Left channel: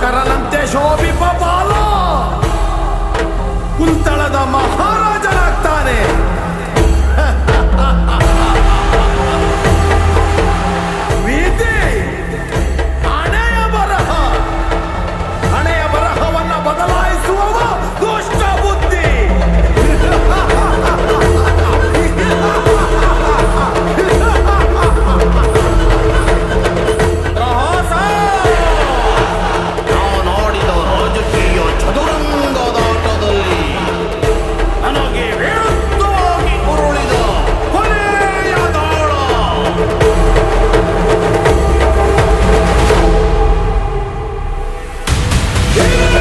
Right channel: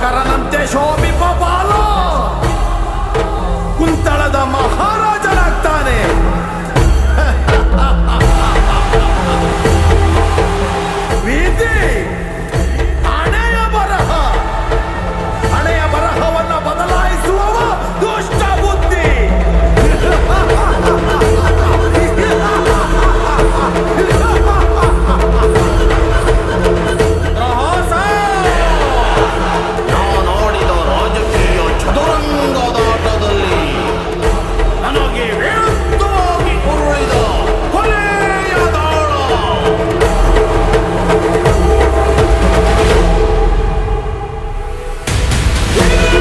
ಕರನಂತೆ ಶೋಭಿಪ ಬಾಲ ಕುಂತಳದ ಮಹಾರಾಜನಾಗ್ತಾನೆ. ವಿಧಿ ಹಣೆಯ ಬರಹವನ್ನ ಬದಲಾಯಿಸುವವ ದುಷ್ಟ ಬುದ್ಧಿ. ನಾನಾಡಿದ ರಾಜಕೀಯ ಚದುರಂಗದಾಟದಲ್ಲಿ ನನಗೆ ವಿರುದ್ಧವಾಗಿ ಉರುಳಿದ ಕೊನೆಯ ದಾಳ. ಇದು